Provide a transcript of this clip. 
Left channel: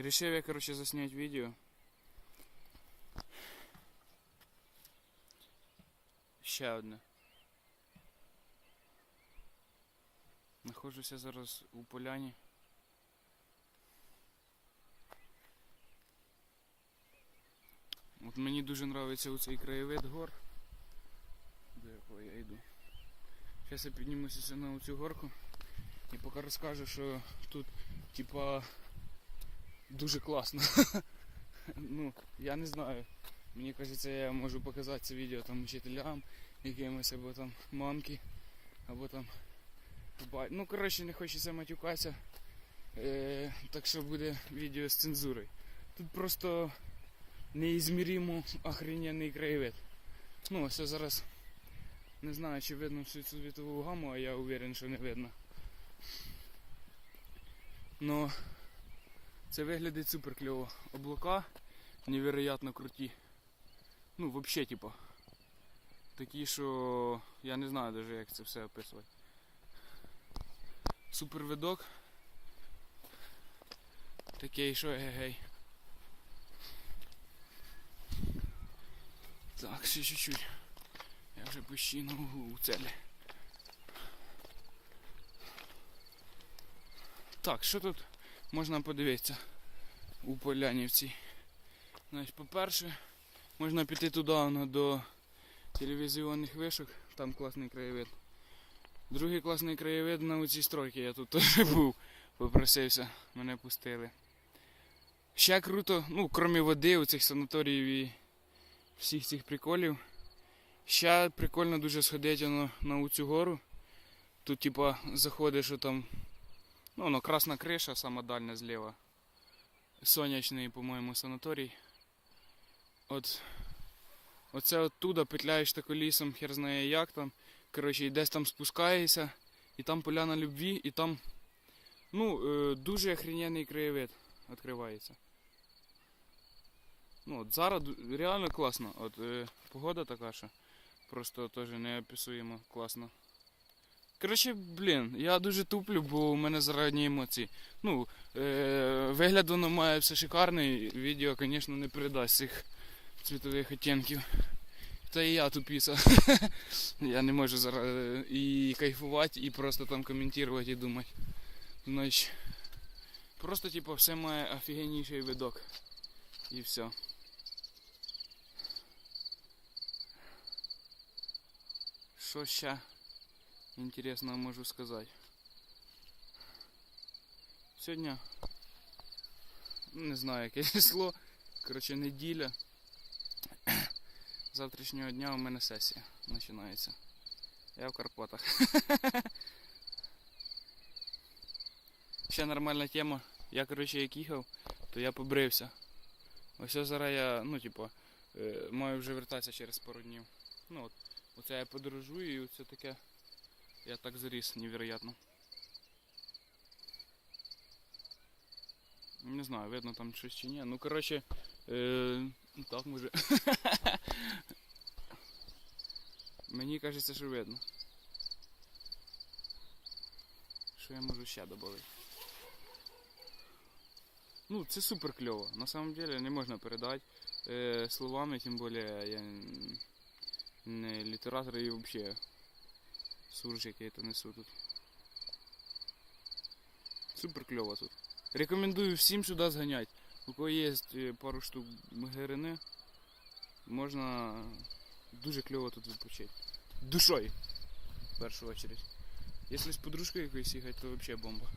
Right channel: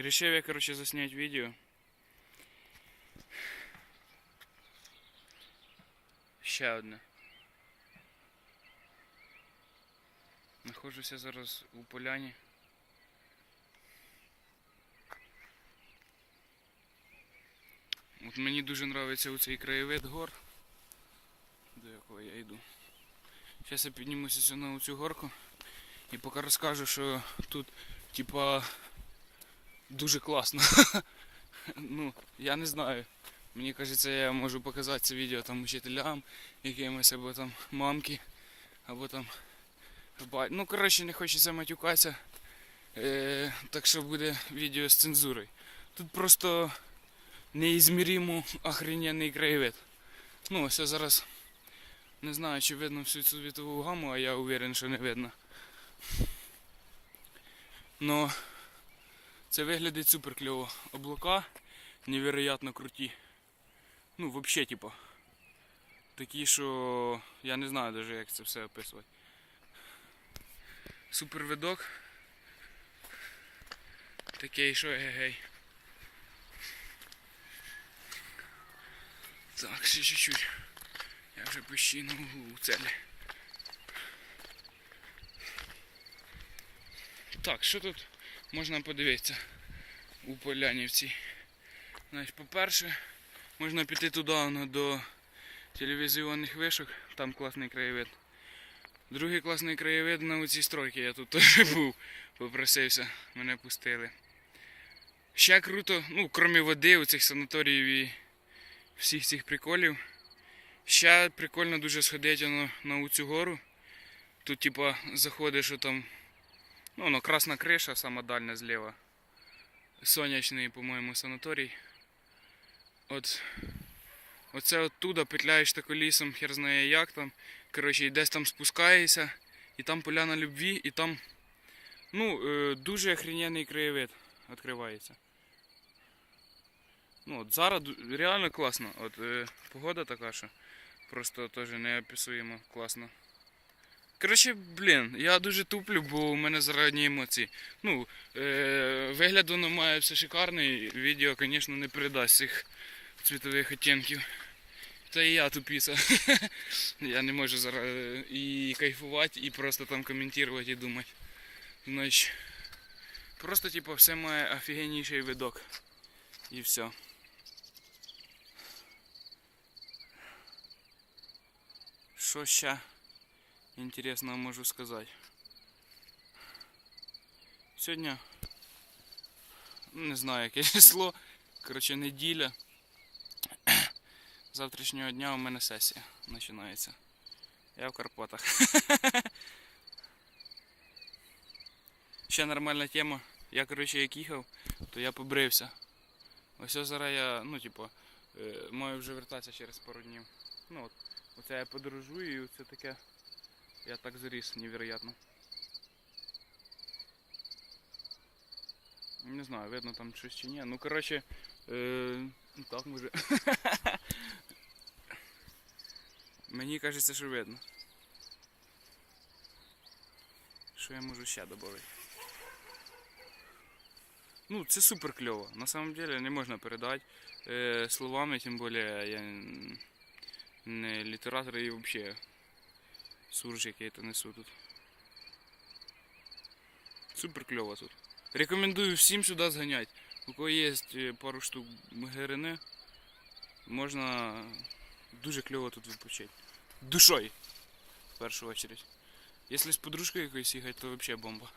Решив я, короче, заснять відео. Ще одне. Нахожуся зараз у поляні. От мені дуже подобається оцей краєвид гор, до якого я йду. Зараз я піднімуся на цю горку і поки розкажу, що тут типа дуже класно. ну, я не знаю. Мені кажеться, я можу показати це відео там вчителям, якимось або там мамки, або там ба- Ну, коротше, не хочеться матюкатися. Е, так що буде відео з цензурою. Тут просто неізміримо охрененний краєвид. Ну, ось я зараз не знаю, чи видно всю цю світову гаму, а я уверен, що не видно. Но це виглядить супер кльово. Облака невероятно круті. Ну, взагалі, типа. Такі, що я не знаю даже, як це все описувати. Супер видок. Такий, що гей. Так, ще чуть-чуть. Я вже почти у целі. Так, що тут можна подивитися у Полянівці? Значить, по-перше, можна піти туди до телевізійних вишок, там класний краєвид. Другий класний краєвид на оцій стройці, я тут теж був, попросився, мене пустили. Ще круто, ну, крім води, у цих санаторіїв і всіх цих приколів. Ще прикольно дуже сходити воно на цю гору. Тут, типа, заходиш там, ну, воно красна криша, сама дальня зліва. Сонячний, по-моєму, санаторій. От оце оттуда петляєш тако лісом, хер знає як там. Коротше, і десь там спускаєшся, і там поляна любві, і там ну, е, дуже охрененний краєвид відкривається. Ну, от зараз реально класно. От е, погода така, що просто теж неописуємо класно. Коротше, блін, я дуже туплю, бо у мене зарані емоції. Ну, е, вигляд воно має все шикарний, відео, звісно, не передасть цих цвітових оттінків. Та і я тупіса. я не можу зараз і кайфувати, і просто там коментувати і думати. Значить, просто типу все має офігенніший видок. І все. Що ще інтересного можу сказати? Сьогодні ну, не знаю яке число. Коротше, неділя. Завтрашнього дня у мене сесія починається. Я в Карпатах. Ще нормальна тема. Я, коротше, як їхав, то я побрився. Ось ось зараз я, ну, типу, е, маю вже вертатися через пару днів. Ну от, оце я подорожую і це таке. Я так заріс, невероятно. Не знаю, видно там щось чи ні. Ну коротше, е, ну так може. Мені кажеться, що видно. Що я можу ще додати? Ну, це супер кльово. На самом деле не можна передати е, словами, тим більше я не літератор і взагалі сурж, який я несу тут. Супер кльово тут. Рекомендую всім сюди зганяти. У кого є е, пару штук гирини, можна дуже кльово тут відпочити. Душою, в першу очередь. Якщо з подружкою якоюсь їхати, то взагалі бомба.